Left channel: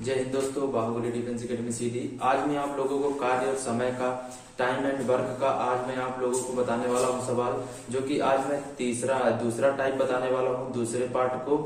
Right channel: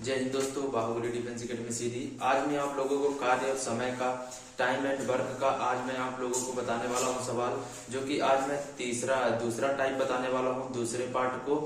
जय हिंद दोस्तों, Baahubali defence academy सीधी। आज मैं आप लोगों को कार्य और समय का, टाइम एंड वर्क का आज मैं आप लोगों को बताने वाला हूं सवाल, जो कि आज मैं दूसरा टाइप बताने वाला हूं, दूसरे पार्ट को।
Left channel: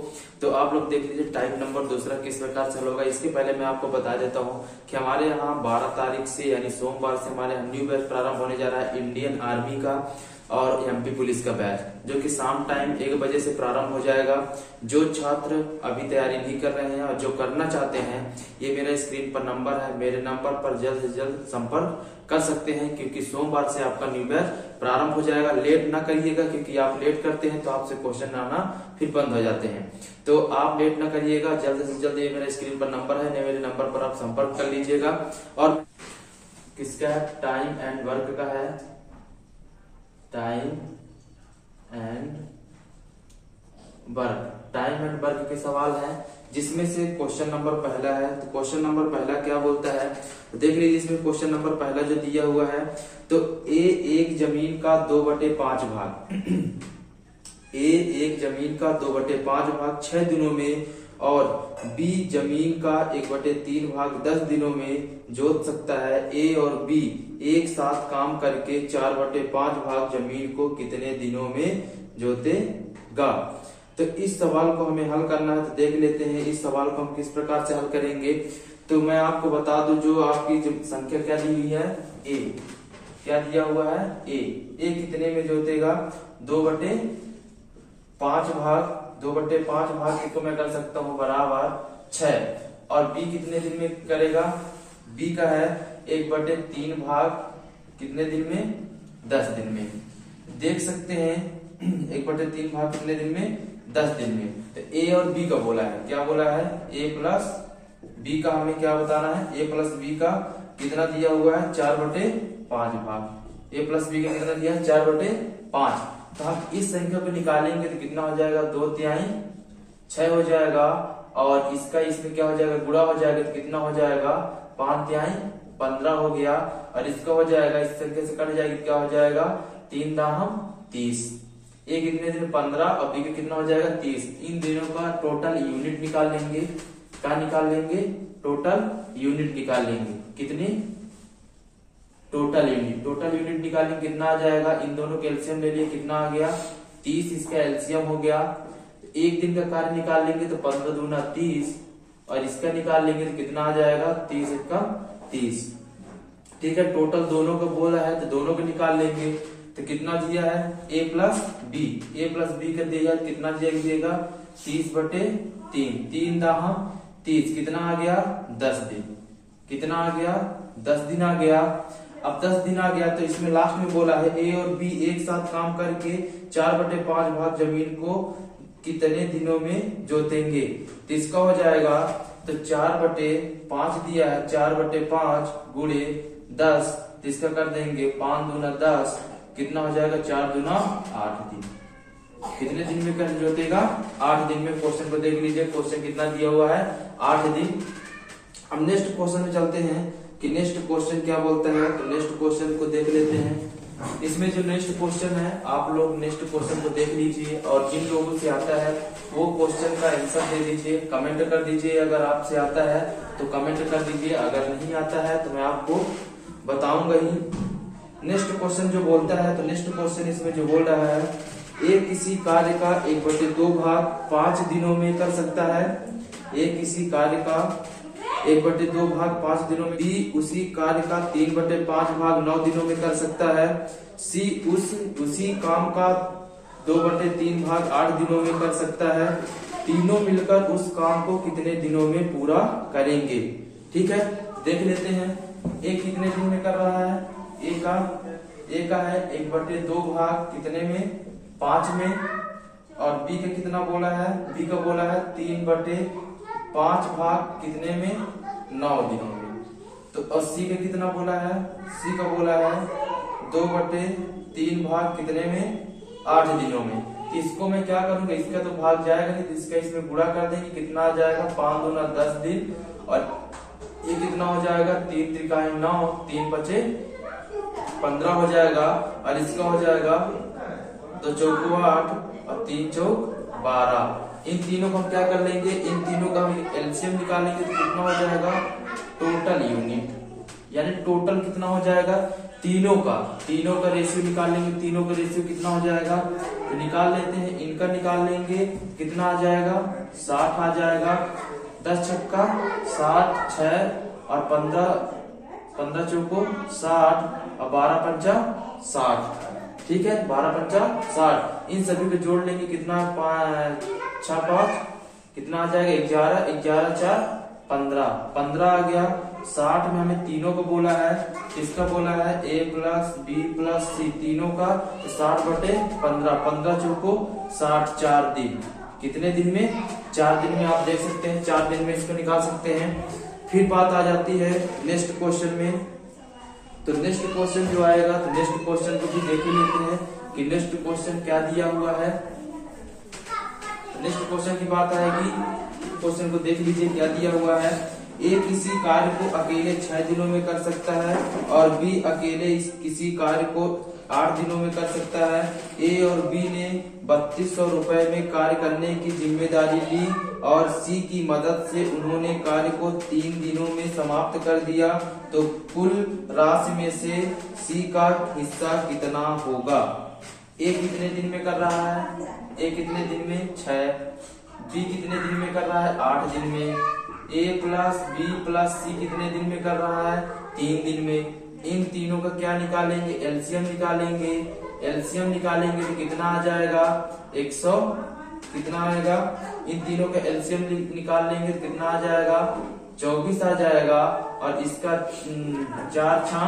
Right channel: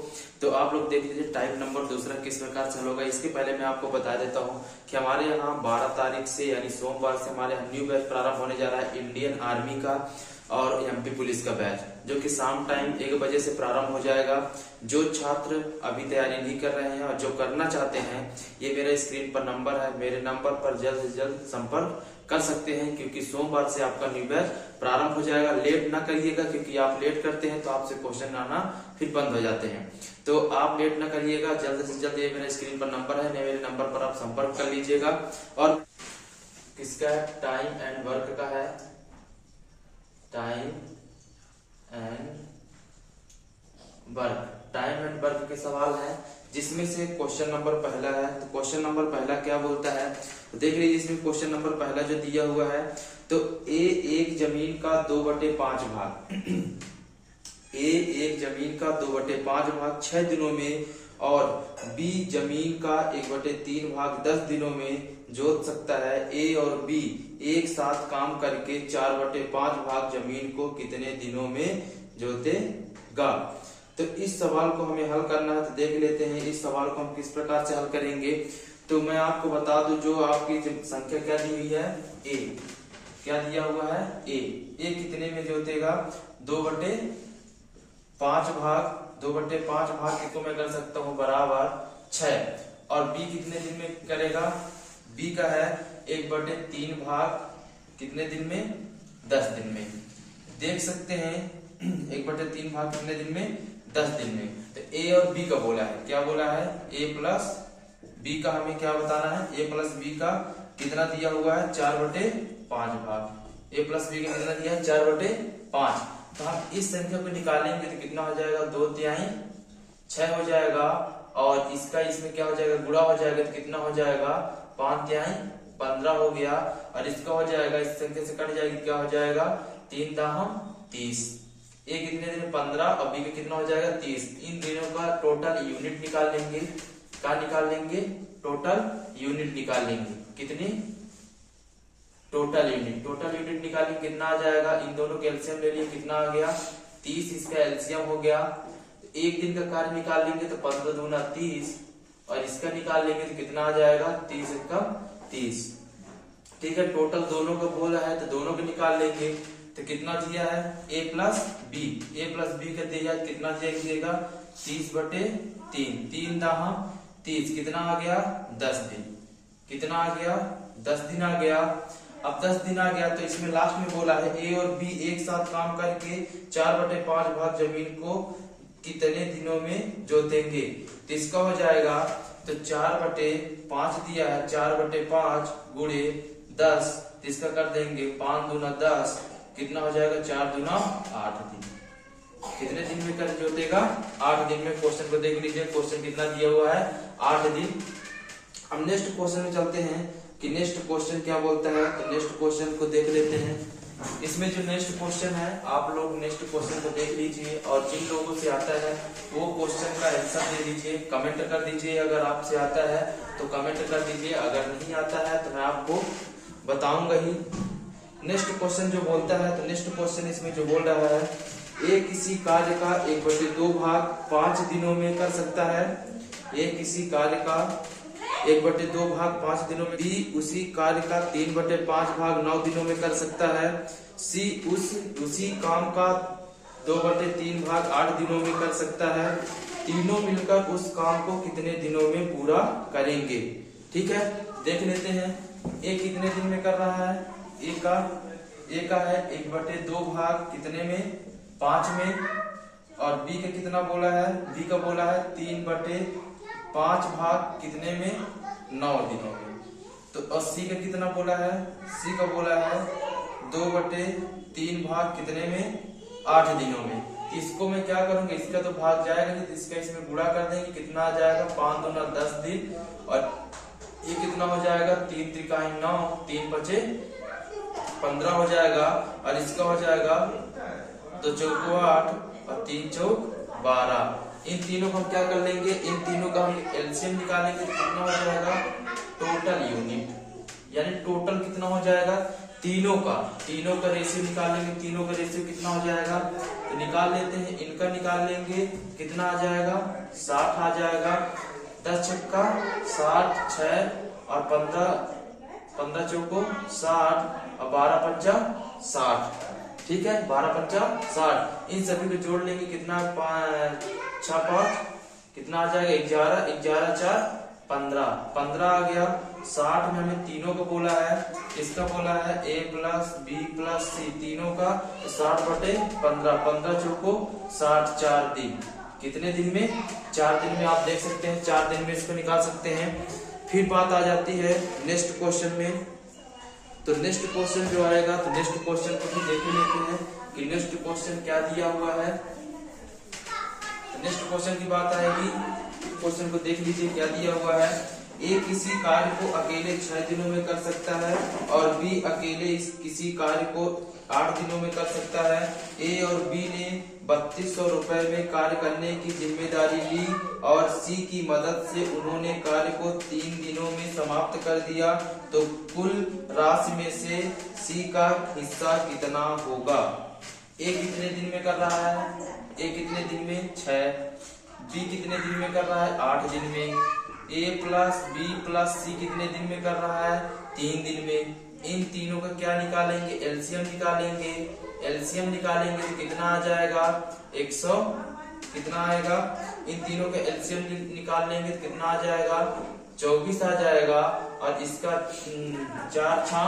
तो आप लोग देख लीजिए टाइप नंबर दूसरा किस प्रकार से होगा। इसके पहले मैं आपको बता देता हूं कि हमारे यहाँ 12 तारीख से यानी सोमवार से हमारे यहाँ न्यू बैच प्रारंभ होने जा रहा है इंडियन आर्मी का और एमपी पुलिस का बैच, जो कि शाम टाइम 1 बजे से प्रारंभ हो जाएगा। जो छात्र अभी तैयारी नहीं कर रहे हैं और जो करना चाहते हैं, ये मेरा स्क्रीन पर नंबर है, मेरे नंबर पर जल्द से जल्द संपर्क कर सकते हैं, क्योंकि सोमवार से आपका न्यू बैच प्रारंभ हो जाएगा। लेट ना करिएगा, क्योंकि आप लेट करते हैं तो आपसे क्वेश्चन आना फिर बंद हो जाते हैं। तो आप लेट ना करिएगा, जल्द से जल्द, ये मेरे स्क्रीन पर नंबर है, मेरे नंबर पर आप संपर्क कर लीजिएगा। और किसका टाइम एंड वर्क का है, टाइम एंड वर्क के सवाल है, जिसमें से क्वेश्चन नंबर पहला है। तो क्वेश्चन नंबर पहला क्या बोलता है, तो देख लीजिए इसमें क्वेश्चन नंबर पहला जो दिया हुआ है, तो ए एक जमीन का 2/5 भाग ए एक जमीन का 2/5 भाग 6 दिनों में और बी जमीन का 1/3 भाग 10 दिनों में जोत सकता है। ए और बी एक साथ काम करके 4/5 भाग जमीन को कितने दिनों में जोतेगा। तो इस सवाल को हमें हल करना है। तो देख लेते हैं इस सवाल को हम किस प्रकार से हल करेंगे। तो मैं आपको बता दूं, जो आपकी जो संख्या क्या दी हुई है, ए क्या दिया हुआ है, ए कितने में जोतेगा, 2/5 भाग को मैं कर सकता हूँ बराबर 6, और बी कितने दिन में करेगा, बी का है 1/3 भाग कितने दिन में, 10 दिन में। देख सकते हैं 1/3 भाग कितने दिन में, 10 दिन में। तो ए और बी का बोला है, क्या बोला है, ए प्लस बी का हमें क्या बताना है, ए प्लस बी का कितना दिया हुआ है, 4/5 भाग। ए प्लस बी का कितना दिया है, 4/5। तो हम इस संख्या को निकालेंगे तो कितना हो जाएगा, 2/3 6 हो जाएगा, और इसका इसमें क्या हो जाएगा, गुणा हो जाएगा, तो कितना हो जाएगा, 5/3 15 हो गया, और इसका हो जाएगा, इस संख्या से कट जाएगी, क्या हो जाएगा, 3 दाहम 30। ए कितने दिन में 15 और बी का कितना हो जाएगा, 30। इन दिनों का टोटल यूनिट निकाल लेंगे। क्या निकाल लेंगे, टोटल यूनिट निकाल लेंगे। कितनी, टोटल यूनिट निकालेंगे, कितना आ जाएगा, इन दोनों के एलसीएम ले लिए, कितना आ गया 30, इसका एलसीएम हो गया। एक दिन का कार्य निकाल लेंगे तो 15 दूना 30, और इसका निकाल लेंगे तो कितना आ जाएगा, 30 एकम 30। ठीक है, टोटल दोनों को बोला है तो दोनों को निकाल लेंगे। तो कितना दिया है, ए प्लस बी का दिया, कितना दिएगा, 30/3, 3 दाहम 30, कितना आ गया, 10 दिन। कितना आ गया, 10 दिन आ गया। अब 10 दिन आ गया तो इसमें लास्ट में बोला है ए और बी एक साथ काम करके 4/5 भाग जमीन को कितने दिनों में जोतेंगे। तो इसका हो जाएगा, तो 4/5 दिया है, 4/5 गुणे 10, इसका कर देंगे 5 दूना 10, कितना हो जाएगा, 4 दूना 8 दिन। कितने दिन में कर जोतेगा, 8 दिन में। क्वेश्चन को देख लीजिए, क्वेश्चन कितना दिया हुआ है, 8 दिन। हम नेक्स्ट क्वेश्चन में चलते हैं कि नेक्स्ट क्वेश्चन क्या बोलता है। तो नेक्स्ट क्वेश्चन को देख लेते हैं। इसमें जो नेक्स्ट क्वेश्चन है, आप लोग नेक्स्ट क्वेश्चन को देख लीजिए, और जिन लोगों से आता है वो क्वेश्चन का आंसर दे दीजिए, कमेंट कर दीजिए। अगर आपसे आता है तो कमेंट कर दीजिए, अगर नहीं आता है तो मैं आपको बताऊंगा ही। नेक्स्ट क्वेश्चन जो बोलता है, तो नेक्स्ट क्वेश्चन इसमें जो बोल रहा है, ए किसी कार्य का 1/2 भाग 5 दिनों में कर सकता है। ए किसी कार्य का 1/2 भाग 5 दिनों में, बी उसी कार्य का 3/5 भाग 9 दिनों में कर सकता है, सी उसी काम का 2/3 भाग 8 दिनों में कर सकता है। तीनों मिलकर उस काम को कितने दिनों में पूरा करेंगे। ठीक है, देख लेते हैं ए कितने दिन में कर रहा है। ए का है 1/2 भाग कितने में, 5 में, और बी का कितना बोला है, बी का बोला है 3/5 भाग कितने में, 9 दिनों में। तो और सी का कितना बोला है, सी का बोला है 2/3 भाग कितने में, 8 दिनों में। इसको मैं क्या करूंगा, इसका तो भाग जाएगा नहीं, तो इसका इसमें गुणा कर देंगे, कितना आ जाएगा, 5 दूना 10 दिन, और ये कितना हो जाएगा, 3 त्रिकाएं 9, 3 बचे 15 हो जाएगा, और इसका हो जाएगा 2 चौको 8 और 3 चौक 12। इन तीनों को हम क्या कर लेंगे, इन तीनों का हम एलसीएम निकालेंगे तो कितना हो जाएगा, टोटल यूनिट, यानी टोटल कितना हो जाएगा, तीनों का रेशियो निकालेंगे, तीनों का रेशियो कितना हो जाएगा, तो निकाल लेते हैं। इनका निकाल लेंगे, कितना आ जाएगा, 60 आ जाएगा। 10 छक्का 60, 6 और 15 चौको 60 और 12 पंचा 60, ठीक है, 12 पंचा 60। इन सभी को जोड़ लेंगे, कितना 6 5 कितना आ जाएगा, 11, 11 4 15 आ गया। 60 में हमें तीनों को बोला है, किसका बोला है, A plus B plus C, तीनों का 60/15, 15 चौको 60, 4 दिन, कितने दिन में, 4 दिन में। आप देख सकते हैं 4 दिन में इसको निकाल सकते हैं। फिर बात आ जाती है नेक्स्ट क्वेश्चन में, तो नेक्स्ट क्वेश्चन जो आएगा, तो नेक्स्ट क्वेश्चन को भी देख लेते हैं कि नेक्स्ट क्वेश्चन क्या दिया हुआ है। नेक्स्ट क्वेश्चन की बात आएगी, क्वेश्चन को देख लीजिए क्या दिया हुआ है। ए किसी कार्य को अकेले 6 दिनों में कर सकता है और बी अकेले किसी कार्य को 8 दिनों में कर सकता है। ए और बी ने 3200 रुपए में कार्य करने की जिम्मेदारी ली और सी की मदद से उन्होंने कार्य को 3 दिनों में समाप्त कर दिया, तो कुल राशि में से सी का हिस्सा कितना होगा। ए कितने दिन में कर रहा है, ए कितने दिन में, 6। बी कितने दिन में कर रहा है, 8 दिन में। ए प्लस बी प्लस सी कितने दिन में कर रहा है, 3 दिन में। इन तीनों का क्या निकालेंगे, एलसीएम निकालेंगे। एलसीएम निकालेंगे तो कितना आ जाएगा, 100, कितना आएगा, इन तीनों का एलसीएम निकाल लेंगे तो कितना आ जाएगा, 24 आ जाएगा। और इसका 4 6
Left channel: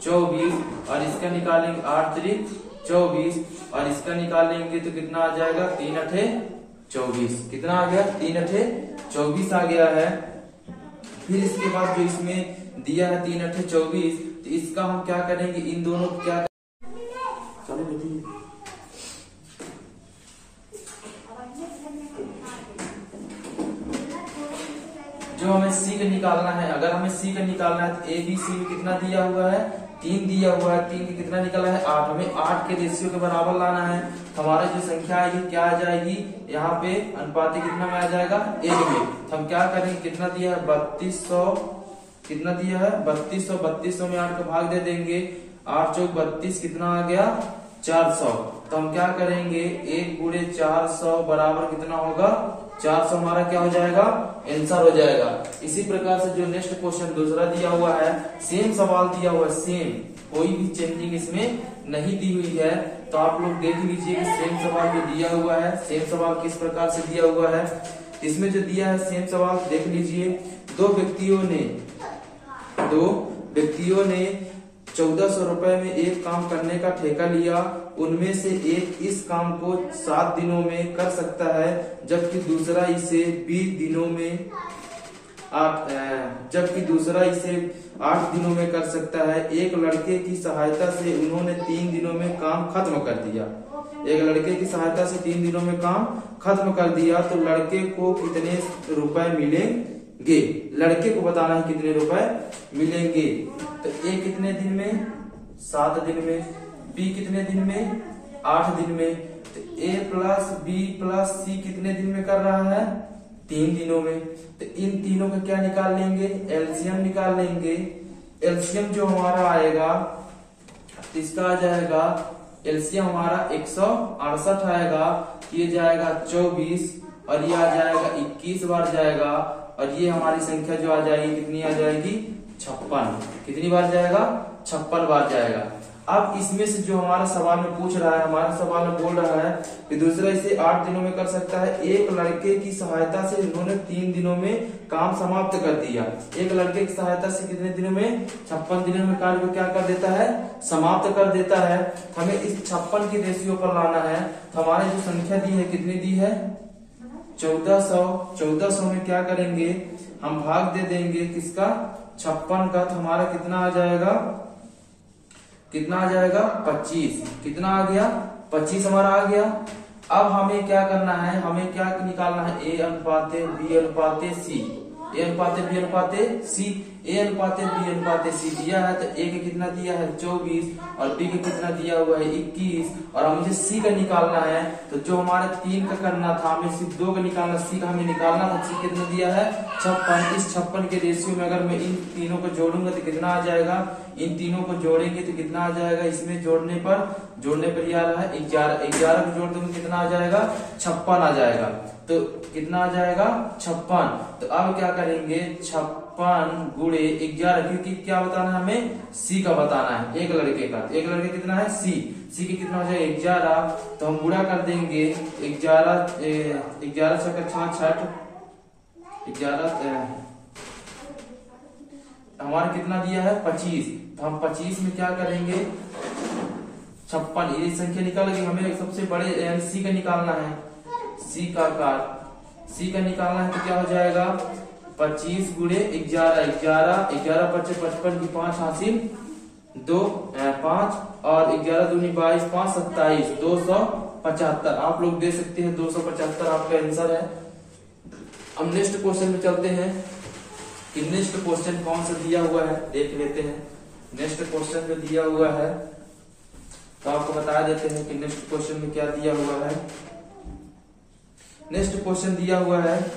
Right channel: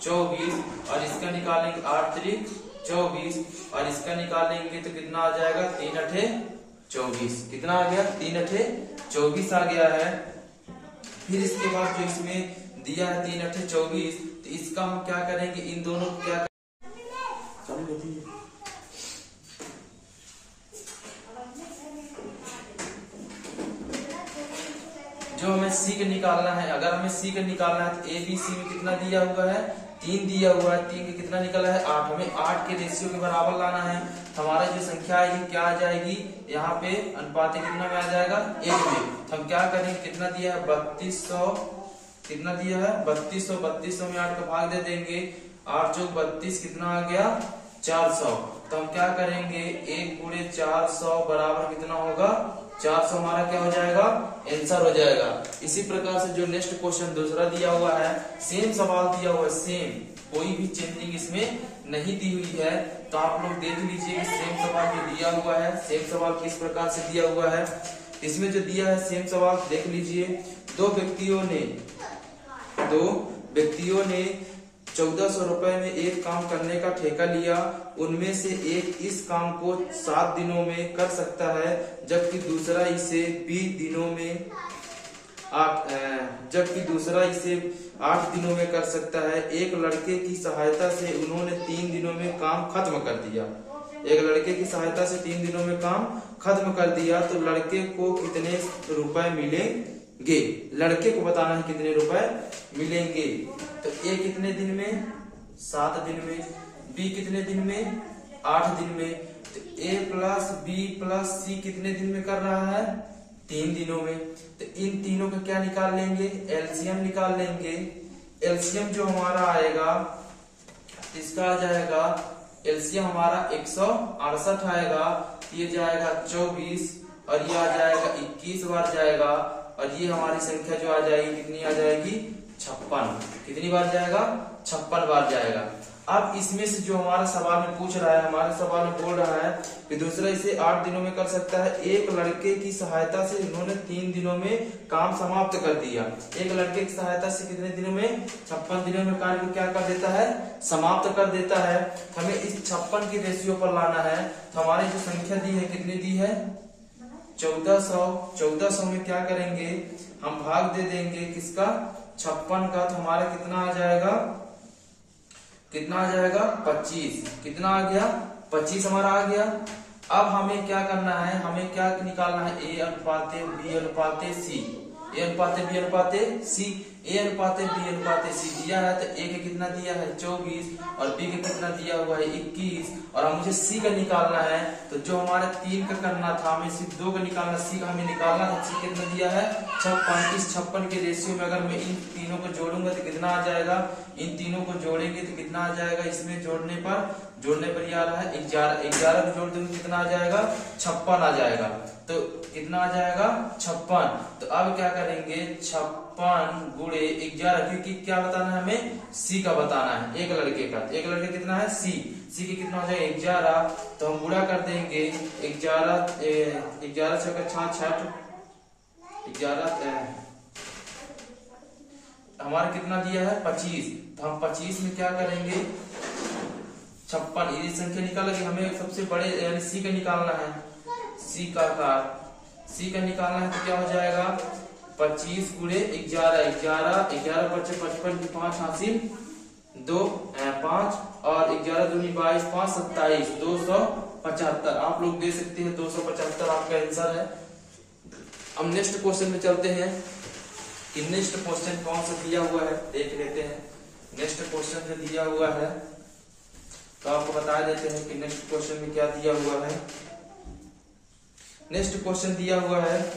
24 और इसका निकालेंगे 8 3 24 और इसका निकालेंगे तो कितना आ जाएगा, 3 8 24, कितना आ गया, 3 8 24 आ गया है। फिर इसके बाद जो इसमें दिया है 3 8 24, तो इसका हम क्या करेंगे, इन दोनों को क्या जो हमें सी का निकालना है, अगर हमें सी का निकालना है तो ए बी सी में कितना दिया हुआ है, 3 दिया हुआ है। 3 के कितना निकला है, 8। हमें 8 के रेशियो के बराबर लाना है। हमारा जो संख्या आएगी क्या आ जाएगी, यहाँ पे अनुपाती कितना में आ जाएगा, 1 में। तो हम क्या करेंगे, कितना दिया है, 3200, कितना दिया है, 3200 में 8 को भाग दे देंगे, 8 चौक 32, कितना आ गया, 400। तो हम क्या करेंगे, 1 गुणे 400 बराबर कितना होगा, 400 हमारा क्या हो जाएगा, आंसर हो जाएगा। इसी प्रकार से जो नेक्स्ट क्वेश्चन दूसरा दिया हुआ है, सेम सवाल दिया हुआ है, सेम, कोई भी चेंजिंग इसमें नहीं दी हुई है। तो आप लोग देख लीजिए सेम सवाल जो दिया हुआ है, सेम सवाल किस प्रकार से दिया हुआ है। इसमें जो दिया है सेम सवाल देख लीजिए, दो व्यक्तियों ने 1400 रुपए में एक काम करने का ठेका लिया। उनमें से एक इस काम को 7 दिनों में कर सकता है, जबकि दूसरा इसे 20 दिनों में 8 दिनों में कर सकता है। एक लड़के की सहायता से उन्होंने 3 दिनों में काम खत्म कर दिया। एक लड़के की सहायता से 3 दिनों में काम खत्म कर दिया, तो लड़के को कितने रुपए मिलेंगे, लड़के को बताना है कितने रुपए मिलेंगे। तो ए कितने दिन में, 7 दिन में। बी कितने दिन में, 8 दिन में। तो ए प्लस बी प्लस सी कितने दिन में कर रहा है, 3 दिनों में। तो इन तीनों का क्या निकाल लेंगे, एलसीएम निकाल लेंगे। एलसीएम जो हमारा आएगा, इसका आ जाएगा एलसीएम हमारा 168 आएगा, ये जाएगा 24 और ये आ जाएगा 21 बार जाएगा, और ये हमारी संख्या जो आ जाएगी कितनी आ जाएगी, 56। कितनी बार जाएगा, 56 बार जाएगा। अब इसमें से जो हमारा सवाल में पूछ रहा है, हमारा सवाल में बोल रहा है कि दूसरा इसे 8 दिनों में कर सकता है। एक लड़के की सहायता से इन्होंने 3 दिनों में काम समाप्त कर दिया। एक लड़के की सहायता से कितने दिनों में, 56 दिनों में कार्य को क्या कर देता है, समाप्त कर देता है। हमें इस 56 की रेशियो पर लाना है। तो हमारी जो संख्या दी है कितनी दी है, 1400। 1400 में क्या करेंगे, हम भाग दे देंगे किसका, 56 का। तो हमारा कितना आ जाएगा, कितना आ जाएगा, 25। कितना आ गया, 25 हमारा आ गया। अब हमें क्या करना है, हमें क्या निकालना है, ए अनुपाते बी अनुपाते सी। ए अनुपाते बी अनुपाते सी, ए अनुपाते बी अनुपाते सी दिया है, तो ए के कितना दिया है 24 और बी के कितना दिया हुआ है 21, और हम मुझे सी का निकालना है। तो जो हमारे 3 का करना था, हमें सिर्फ 2 का निकालना, सी का हमें निकालना था। सी कितना दिया है 56। इस 56 के रेशियो में अगर मैं इन तीनों को जोड़ूंगा तो कितना आ जाएगा, इन तीनों को जोड़ेंगे तो कितना आ जाएगा, इसमें जोड़ने पर ये आ रहा है 11 को जोड़ दूंगा कितना आ जाएगा 56 आ जाएगा। तो कितना आ जाएगा 56। तो अब क्या करेंगे 56 गुणे 11, क्योंकि क्या बताना है हमें सी का बताना है, एक लड़के का। एक लड़के कितना है सी के कितना हो जाएगा 11, तो हम गुणा कर देंगे 11 छक्का 66, 11 हमारा कितना दिया है 25, तो हम 25 में क्या करेंगे 56, ये संख्या निकाल के हमें सबसे बड़े यानी सी का निकालना है। सी का आकार सी का निकालना है तो क्या हो जाएगा 25 गुणे 11, 11 बच्चे 55 की 5 हासिल 2 5 और 11 दूनी 22 5 27 275। आप लोग दे सकते हैं 275 आपका आंसर है। हम नेक्स्ट क्वेश्चन में चलते हैं कि नेक्स्ट क्वेश्चन कौन सा दिया हुआ है देख लेते हैं। नेक्स्ट क्वेश्चन जो दिया हुआ है तो आपको बता देते हैं कि नेक्स्ट क्वेश्चन में क्या दिया हुआ है। नेक्स्ट क्वेश्चन दिया हुआ है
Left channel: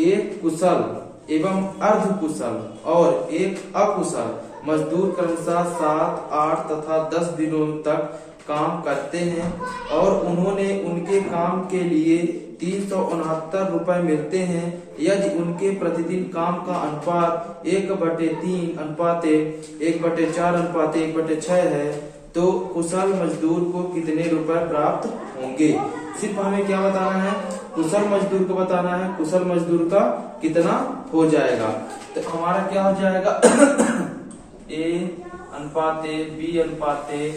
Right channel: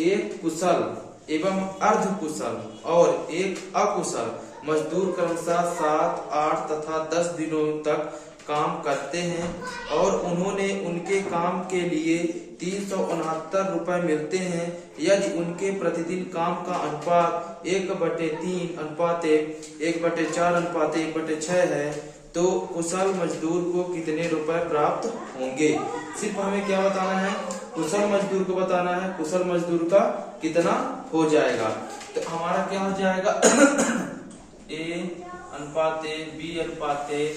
एक कुशल एवं अर्ध कुशल और एक अकुशल मजदूर क्रमशः 7, 8 तथा 10 दिनों तक काम करते हैं और उन्होंने उनके काम के लिए 369 रुपए मिलते हैं। यदि उनके प्रतिदिन काम का अनुपात 1/3 अनुपाते 1/4 अनुपाते 1/6 है तो कुशल मजदूर को कितने रुपए प्राप्त होंगे। सिर्फ हमें क्या बताना है कुशल मजदूर को बताना है, कुशल मजदूर का कितना हो जाएगा। तो हमारा क्या हो जाएगा ए अनुपाते बी अनुपाते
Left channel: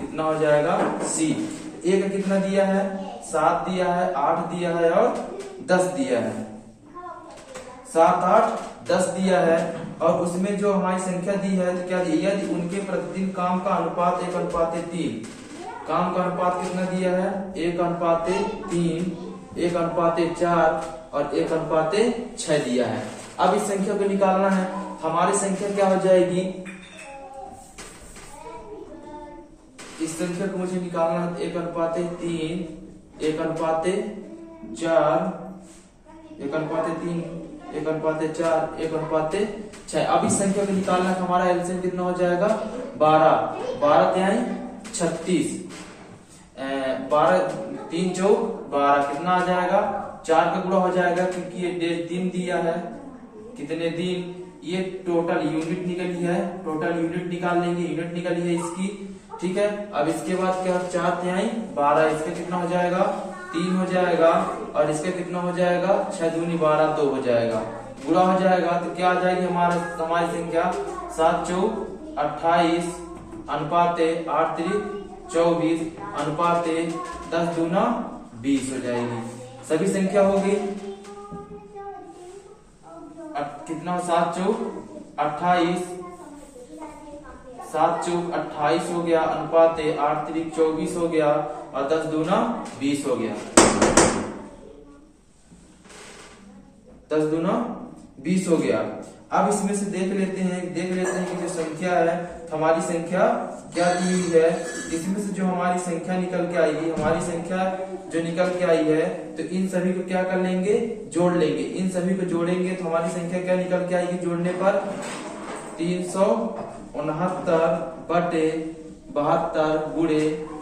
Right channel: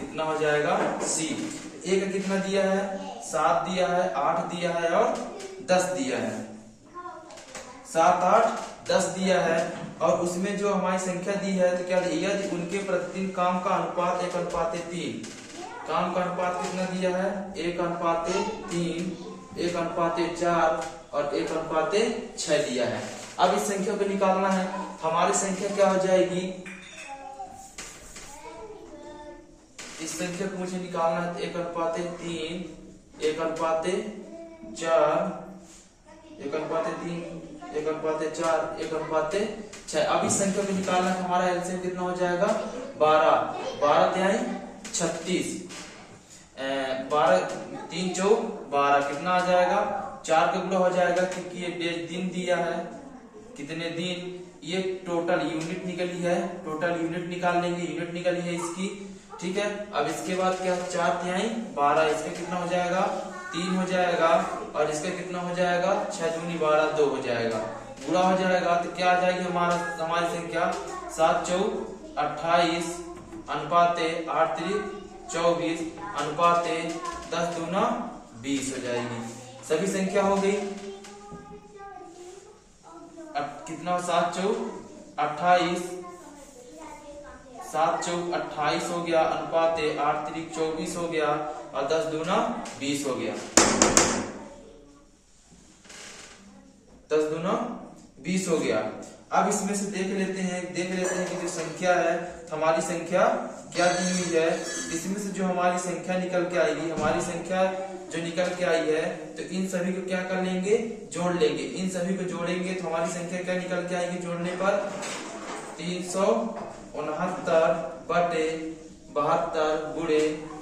कितना हो जाएगा सी। ए का कितना दिया है 7 दिया है 8 दिया है और 10 दिया है। 7, 8, 10 दिया है और उसमें जो हमारी संख्या दी है तो क्या दिया यदि उनके प्रतिदिन काम का अनुपात 1/3, काम का अनुपात कितना दिया है 1/3, 1/4 और 1/6 दिया है। अब इस संख्या को निकालना है। हमारी संख्या क्या हो जाएगी, इस संख्या को मुझे निकालना है 1/3, 1/4, 1/3, 1/4, 1/6। अब इस संख्या को निकालना है। हमारा एलसीएम कितना हो जाएगा 12 तिहाई 36, 12 3 4 12 कितना आ जाएगा 4 का गुणा हो जाएगा क्योंकि ये दिन दिया है कितने दिन, ये टोटल यूनिट निकली है, टोटल यूनिट निकाल लेंगे, यूनिट निकली है इसकी। ठीक है, अब इसके बाद क्या 4 तिहाई 12, इसका कितना हो जाएगा 3 हो जाएगा और इसका कितना हो जाएगा 6 दूनी 12 2 हो जाएगा, गुणा हो जाएगा तो क्या आ जाएगी हमारी संख्या 7 4 28 अनुपाते 8 3 24 अनुपाते 10 दूना 20 हो जाएगी। सभी संख्या हो गई कितना 7 4 28, 7 4 28 हो गया अनुपाते 8 3 24 हो गया और 10 दूना 20 हो गया, 10 दूना 20 हो गया। अब इसमें से देख लेते हैं कि जो संख्या है हमारी संख्या क्या दी हुई है। इसमें से जो हमारी संख्या निकल के आएगी, हमारी संख्या जो निकल के आई है तो इन सभी को क्या कर लेंगे जोड़ लेंगे। इन सभी को जोड़ेंगे तो हमारी संख्या क्या निकल के आएगी जोड़ने पर 369/72 गुणे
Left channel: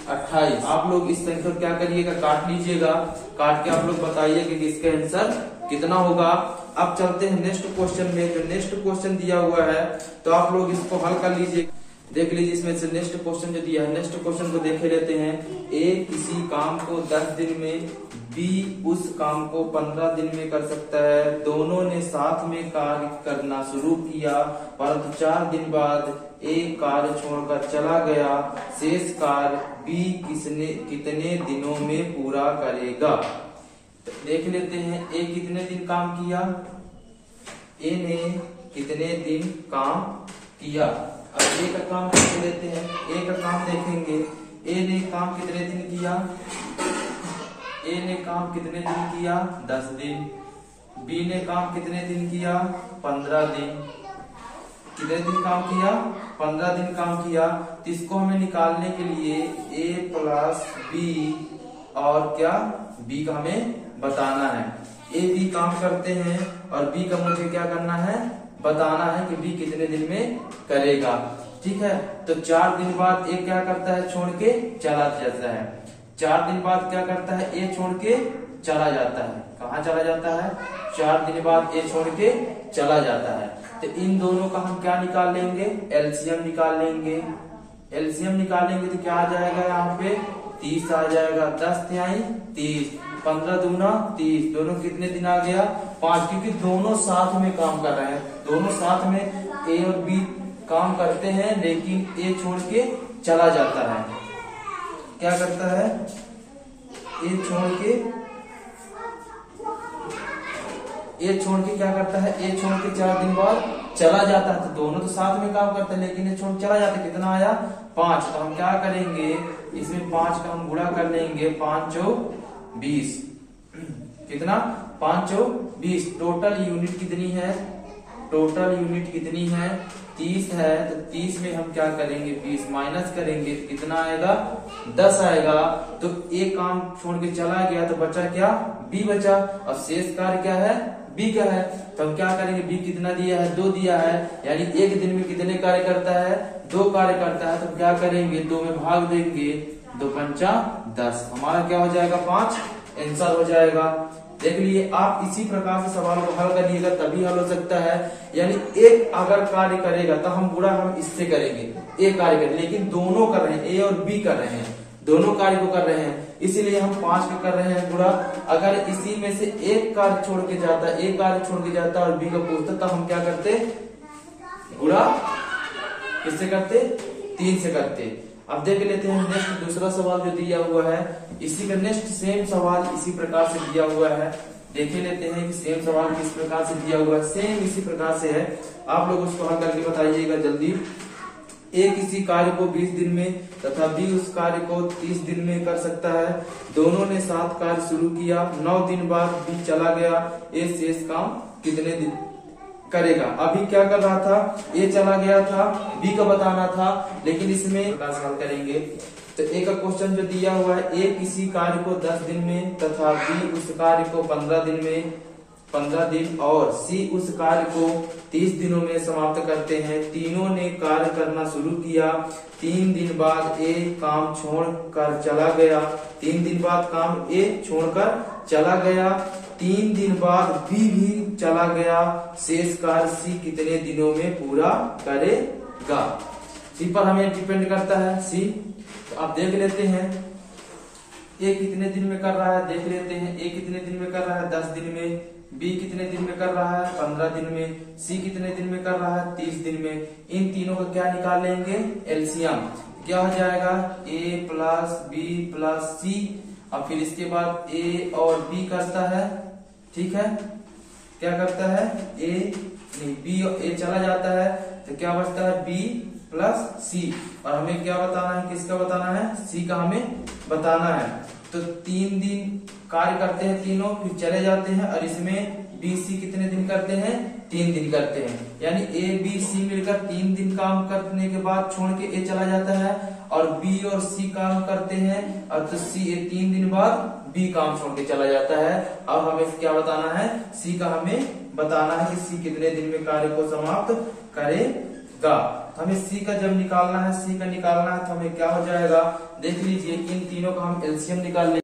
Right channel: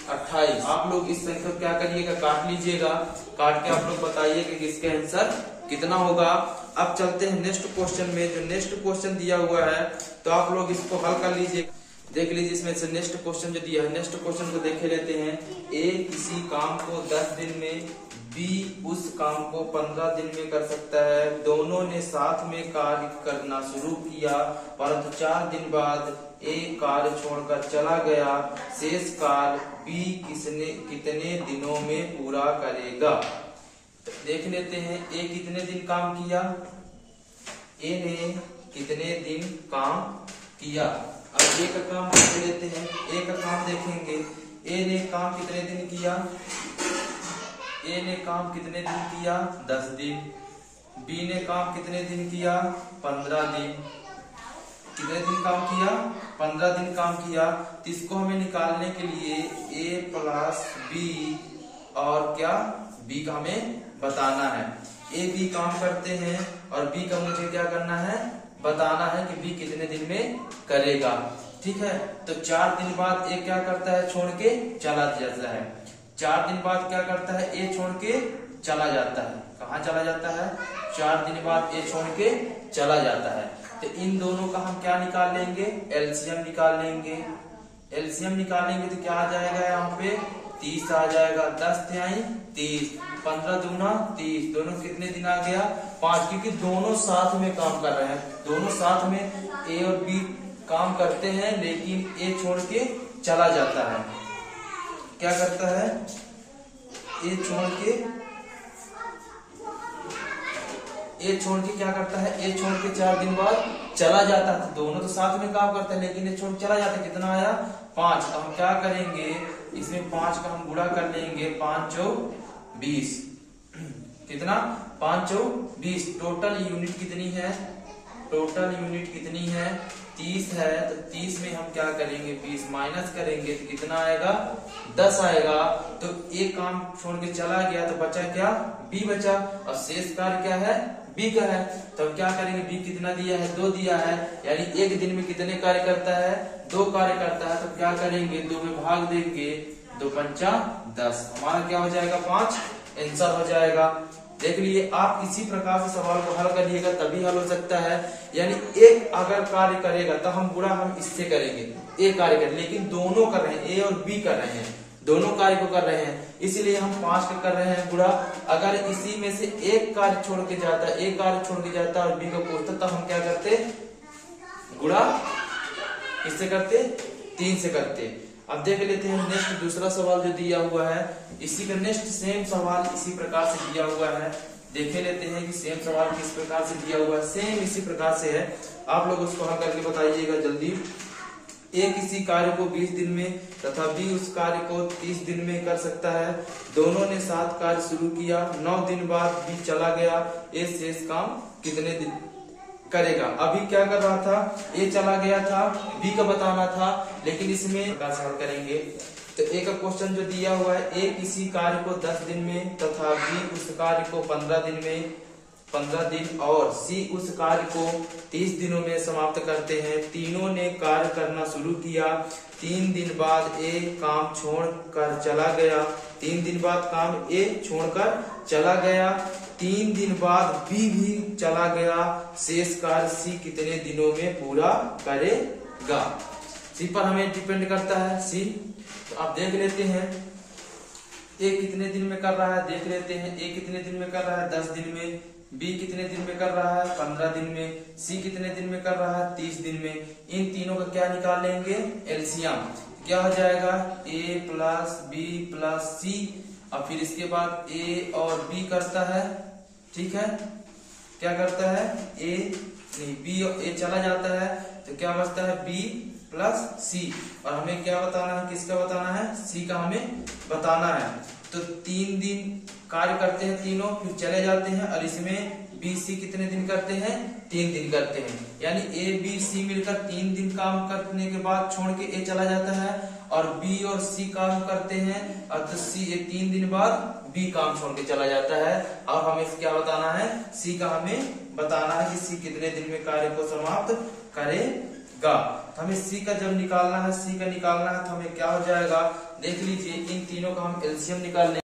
28। आप लोग इस संख्या को क्या करिएगा काट लीजिएगा, काट के आप लोग बताइए कि इसका आंसर कितना होगा। अब चलते हैं नेक्स्ट क्वेश्चन में। तो नेक्स्ट क्वेश्चन दिया हुआ है तो आप लोग इसको हल कर लीजिए, देख लीजिए इसमें से नेक्स्ट क्वेश्चन जो दिया है। नेक्स्ट क्वेश्चन को देख लेते हैं। ए किसी काम को 10 दिन में, बी उस काम को 15 दिन में कर सकता है। दोनों ने साथ में कार्य करना शुरू किया परंतु 4 दिन बाद ए कार्य छोड़कर चला गया। शेष कार्य बी कितने दिनों में पूरा करेगा। देख लेते हैं ए कितने दिन काम किया, ए ने कितने दिन काम किया। अब ए का काम देख लेते हैं, ए का काम देखेंगे। ए ने काम कितने दिन किया, ए ने काम कितने दिन किया 10 दिन। बी ने काम कितने दिन किया? 15 दिन। कितने दिन काम किया? 15 दिन काम किया। तो इसको हमें निकालने के लिए ए प्लस बी और क्या बी का हमें बताना है। ए बी काम करते हैं और बी का मुझे क्या करना है? बताना है कि बी कितने दिन में करेगा। ठीक है, तो 4 दिन बाद ए क्या करता है? छोड़ के चला जाता है। 4 दिन बाद क्या करता है? ए छोड़ के चला जाता है। कहाँ चला जाता है? 4 दिन बाद ए छोड़ के चला जाता है। तो इन दोनों का हम क्या निकाल लेंगे? एलसीएम निकाल लेंगे। एलसीएम निकालेंगे तो क्या आ जाएगा? यहाँ पे 30 आ जाएगा। 10 तिहाई 30, 15 दूना 30, दोनों कितने दिन आ गया? 5, क्योंकि दोनों साथ में काम कर रहे हैं। दोनों साथ में ए और बी काम करते हैं, लेकिन ए छोड़ के चला जाता है। क्या करता है? ए छोड़ के क्या करता है? ए छोड़ के 4 दिन बाद चला जाता है। तो दोनों तो साथ में काम करते हैं, लेकिन ये छोड़ चला जाता है। कितना आया? 5। तो हम क्या करेंगे? इसमें 5 का हम गुणा कर लेंगे। 5 चौक 20। कितना? 5 चौक 20। टोटल यूनिट कितनी है? टोटल यूनिट कितनी है? 30 है। तो 30 में हम क्या करेंगे? 20 माइनस करेंगे तो कितना आएगा? 10 आएगा। तो एक काम छोड़ के चला गया तो बचा क्या? बी बचा। और शेष कार्य क्या है? बी क्या है? तो हम क्या करेंगे? बी कितना दिया है? 2 दिया है। यानी एक दिन में कितने कार्य करता है? 2 कार्य करता है। तो क्या करेंगे? 2 में भाग देंगे। 2 पंचा 10। हमारा क्या हो जाएगा? 5 आंसर हो जाएगा। देख लिए, आप इसी प्रकार से सवाल को हल करिएगा तभी हल हो सकता है। यानी एक अगर कार्य करेगा तो हम गुणा हम इससे करेंगे। एक कार्य करें, लेकिन दोनों कर रहे हैं, ए और बी कर रहे हैं, दोनों कार्य को कर रहे हैं, इसीलिए हम 5 के कर रहे हैं गुणा। अगर इसी में से एक कार्य छोड़ के जाता, एक कार्य छोड़ के जाता और बी का पूछता, तब हम क्या करते? गुणा किससे करते? 3 से करते। अब देख लेते हैं नेक्स्ट दूसरा सवाल जो दिया हुआ है। इसी का नेक्स्ट सेम सवाल इसी प्रकार से दिया हुआ है। देख लेते हैं कि सेम सवाल किस प्रकार से दिया हुआ है। सेम इसी प्रकार से है। आप लोग उसको हल करके बताइएगा जल्दी। ए किसी कार्य को 20 दिन में तथा बी उस कार्य को 30 दिन में कर सकता है। दोनों ने 7 कार्य शुरू किया। 9 दिन बाद बी चला गया। ए शेष काम कितने दिन करेगा? अभी क्या कर रहा था? ए चला गया था, बी का बताना था, लेकिन इसमें हल करेंगे। तो ए का क्वेश्चन जो दिया हुआ है, ए किसी कार्य को 10 दिन में तथा बी उस कार्य को 15 दिन और सी उस कार्य को 30 दिनों में समाप्त करते हैं। तीनों ने कार्य करना शुरू किया। 3 दिन बाद ए काम छोड़कर चला गया। 3 दिन बाद काम ए छोड़कर चला गया। 3 दिन बाद बी भी चला गया। शेष कार्य सी कितने दिनों में पूरा करेगा? सी पर हमें डिपेंड करता है। सी तो आप देख लेते हैं ए कितने दिन में कर रहा है। देख लेते हैं ए कितने दिन में कर रहा है? 10 दिन में। बी कितने दिन में कर रहा है? 15 दिन में। सी कितने दिन में कर रहा है? 30 दिन में। इन तीनों का क्या निकाल लेंगे? एलसीएम। क्या हो जाएगा? ए प्लस बी प्लस सी। और फिर इसके बाद ए और बी करता है। ठीक है, क्या करता है? बी ए चला जाता है तो क्या बचता है? बी प्लस सी। और हमें क्या बताना है? किसका बताना है? सी का हमें बताना है। तो 3 दिन कार्य करते हैं तीनों, फिर चले जाते हैं। और इसमें बी सी कितने दिन करते हैं? 3 दिन करते हैं। यानी ए बी सी मिलकर 3 दिन काम करने के बाद छोड़ के ए चला जाता है। और बी और सी काम करते हैं और तो सी 3 दिन बाद बी काम छोड़ के चला जाता है। अब हमें क्या बताना है? सी का हमें बताना है कि सी कितने दिन में कार्य को समाप्त करेगा। हमें सी का जब निकालना है, सी का निकालना है तो हमें क्या हो जाएगा? देख लीजिए, इन तीनों का हम एलसीएम निकाल लेंगे।